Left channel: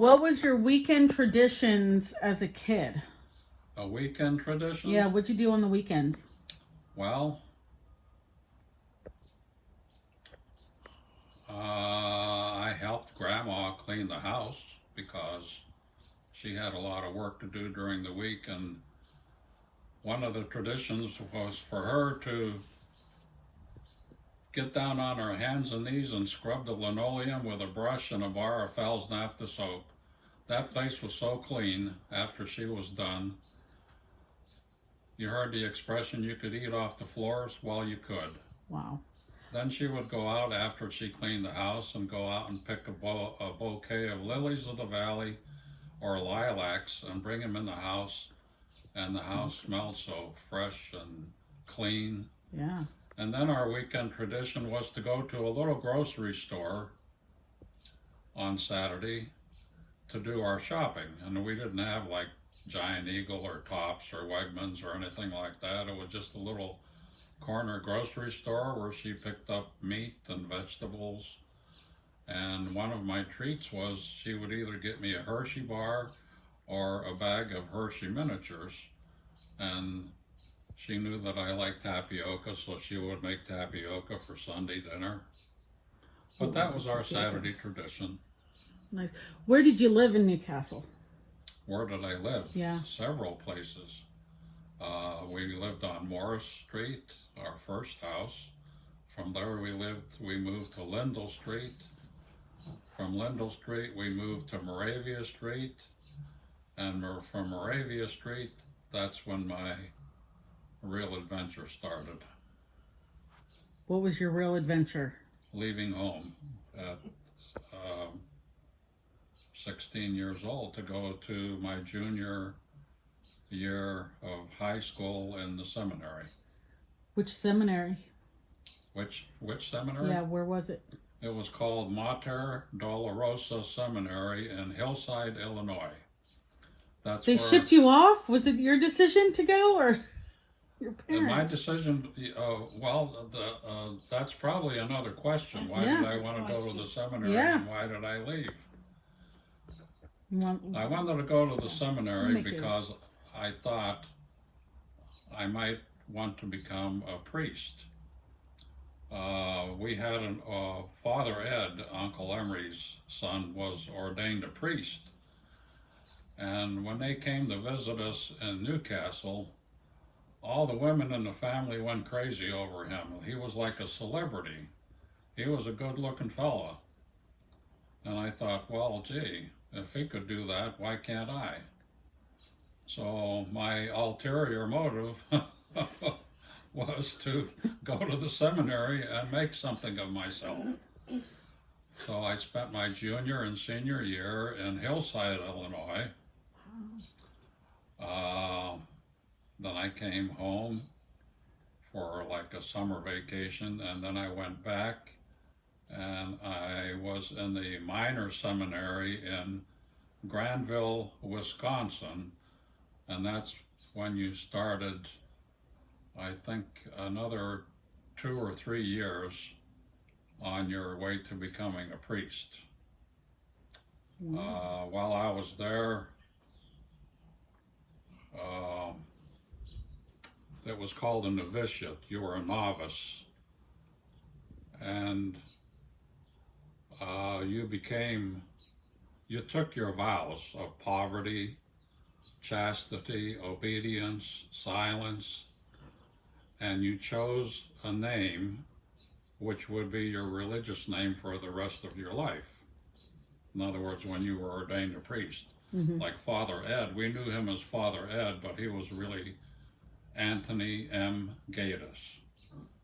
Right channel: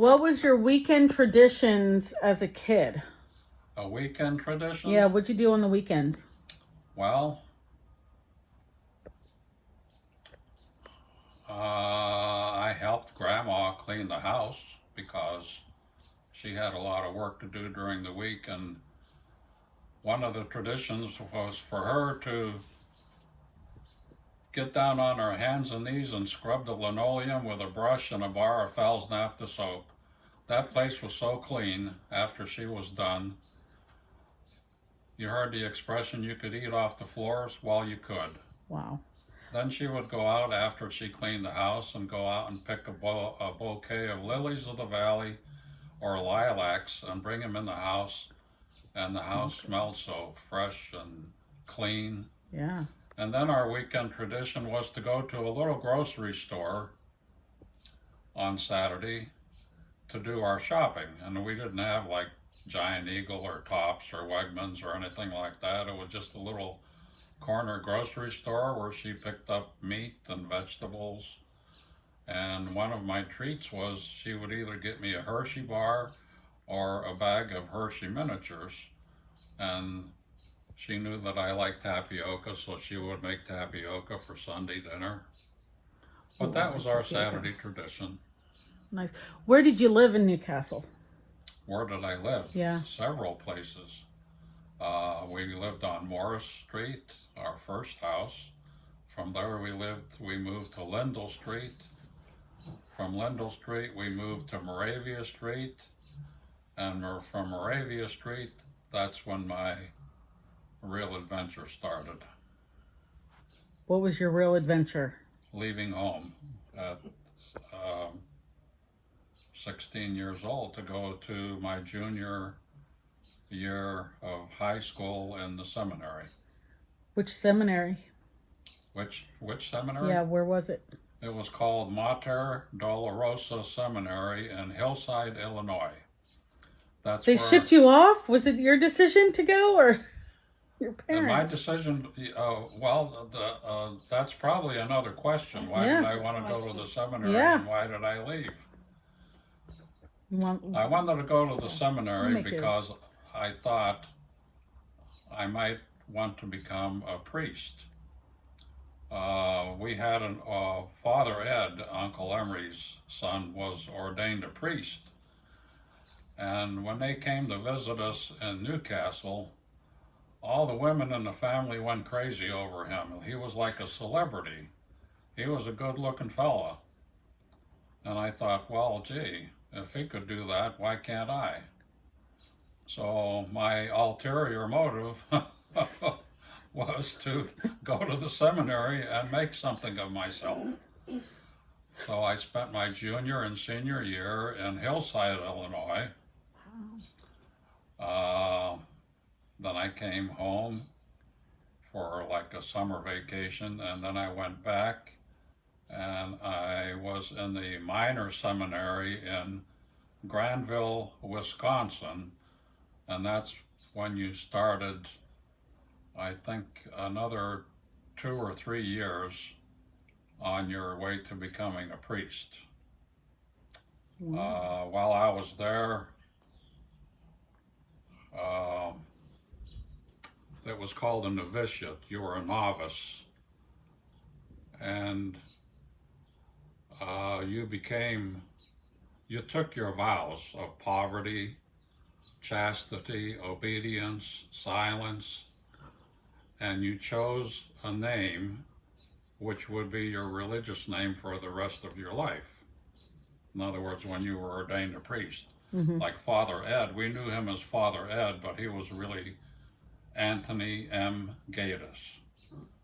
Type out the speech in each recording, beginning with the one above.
What was your weekend traditions as a kid? A weekend tradition? Yeah, what'd you do on the weekends? Well, I helped Grandma clean the house because she had a lot of work to do during the week, and one of the traditions was for her to get down on her hands and knees and scrub the linoleum with a brush and a bar of Fowl's Naphtha soap. That place was so clean after she was done. You heard the expression, you could eat off the floors? Well, you could. Wow. Then she would go out after she cleaned the house and go out and pick a bouquet of lilies of the valley or lilacs and bring them in the house. And the house smelled so fresh and clean. Yeah. And then our weekend tradition was to go to a little grocery store on Saturday to do our shopping. And we didn't have like Giant Eagle or Tops or Wegmans or anything like that. It was just a little corner grocery store where she picked up meat and vegetables. And one of my treats was she would either get me a Hershey bar or a bag of Hershey miniatures. And she knew that I liked tapioca, so she would make tapioca for Sunday dinner. But that was our Saturday tradition. Nice. Where did you live in Newcastle? Where did I live? Yeah. Several places. We lived on Morris Street, our first house. From there we moved to Lindell Street. From Lindell Street we moved to Moravia Street. And from Moravia Street, that's when my real adventure started. What was your real adventure? Leaving home at 16 years old to go to my junior year of high school in the seminary. Which seminary? Which seminary? Yeah, where was it? It was called Mater Dolorosa Seminary in Hillside, Illinois. They shipped you off? Was it your decision to go or your parents? My decision, that's probably another question. Why did I want to go to the seminary and why did I leave? I wanted to go to the seminary because I thought I might want to become a priest. We had Father Ed, Uncle Emery's son, was ordained a priest. And when they came to visit us in Newcastle, all the women in the family went crazy over him. He was like a celebrity. He was a good-looking fella. And I thought, well, gee, if he could do that, why can't I? So my ulterior motive was to go to the seminary and make something of myself. So I spent my junior and senior year in Hillside, Illinois. Then I came home for like a summer vacation, and then I went back and I was in the minor seminary in Granville, Wisconsin, and that's when you started, I think, another 2 or 3 years on your way to becoming a priest. While I was there, it was called a novitiate. You were a novice, and you took your vows of poverty, chastity, obedience, silence, and you chose a name which would be your religious name for the rest of your life. In other words, when you were ordained a priest. Like Father Ed, we knew him as Father Ed, but he was really Anthony M. Gaydos.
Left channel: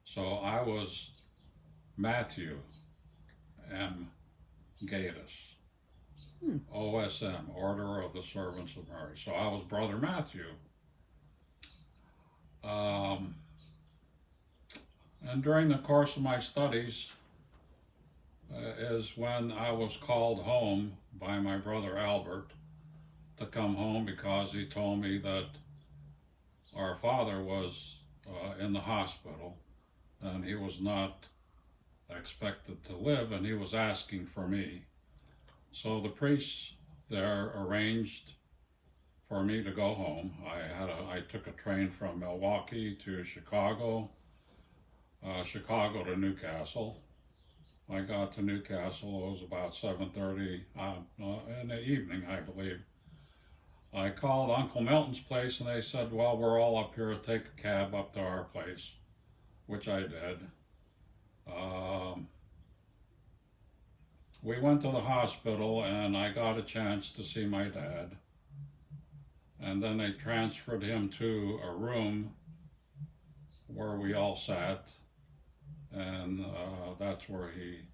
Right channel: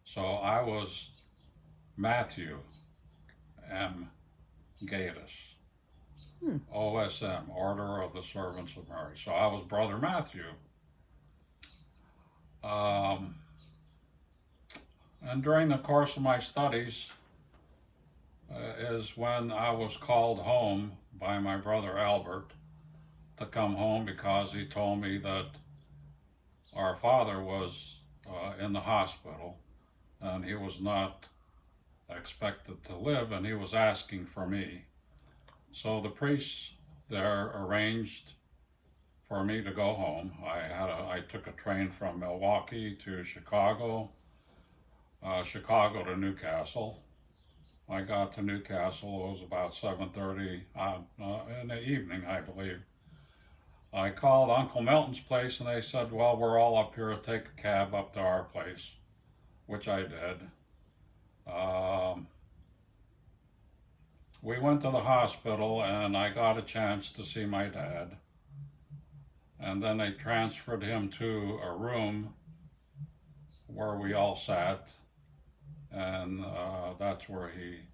So I was Matthew M. Gaydos. OSM, Order of the Servants of Mary. So I was Brother Matthew. And during the course of my studies is when I was called home by my brother Albert to come home because he told me that our father was in the hospital and he was not expected to live, and he was asking for me. So the priests there arranged for me to go home. I took a train from Milwaukee to Chicago, Chicago to Newcastle. I got to Newcastle, it was about 7:30 in the evening, I believe. I called Uncle Milton's place and they said, well, we're all up here, take a cab up to our place, which I did. We went to the hospital and I got a chance to see my dad. And then they transferred him to a room where we all sat, and that's where he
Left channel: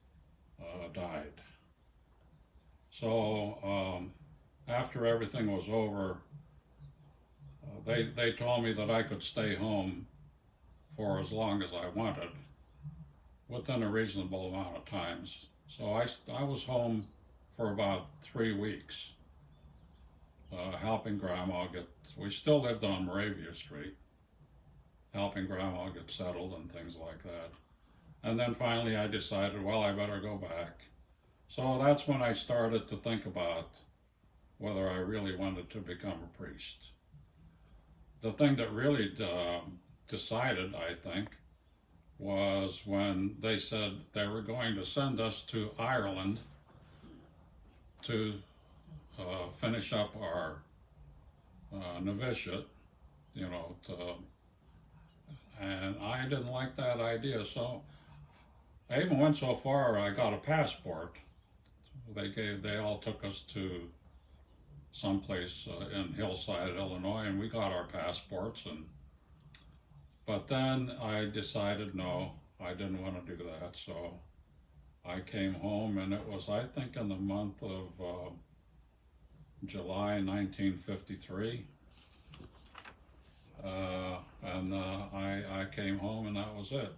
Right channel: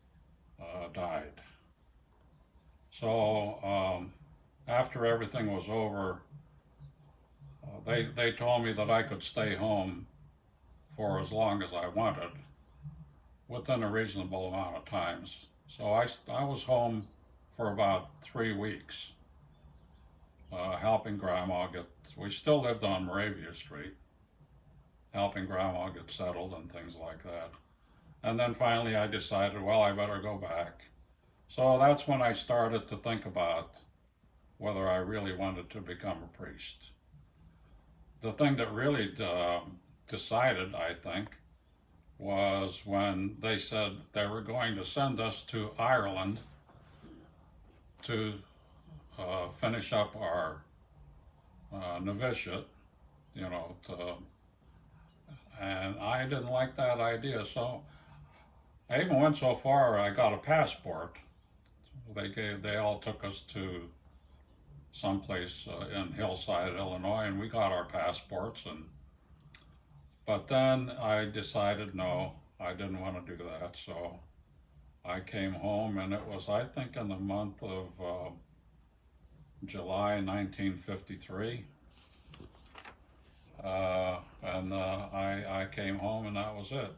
died. So after everything was over, they told me that I could stay home for as long as I wanted, within a reasonable amount of times. So I was home for about 3 weeks, helping Grandma we still lived on Moravia Street, helping Grandma get settled and things like that. And then finally I decided, well, I better go back. So that's when I started to think about whether I really wanted to become a priest. The thing that really decided, I think, was when they said they were going to send us to Ireland to finish up our novitiate, and I didn't like that idea, so I even went so far I got a passport. They all took us to someplace in Hillside, Illinois, and we got our passports. But then I decided no, I didn't want to do that, so I came home, and it was, I think, in the month of July 1953. And I came home, and that was it.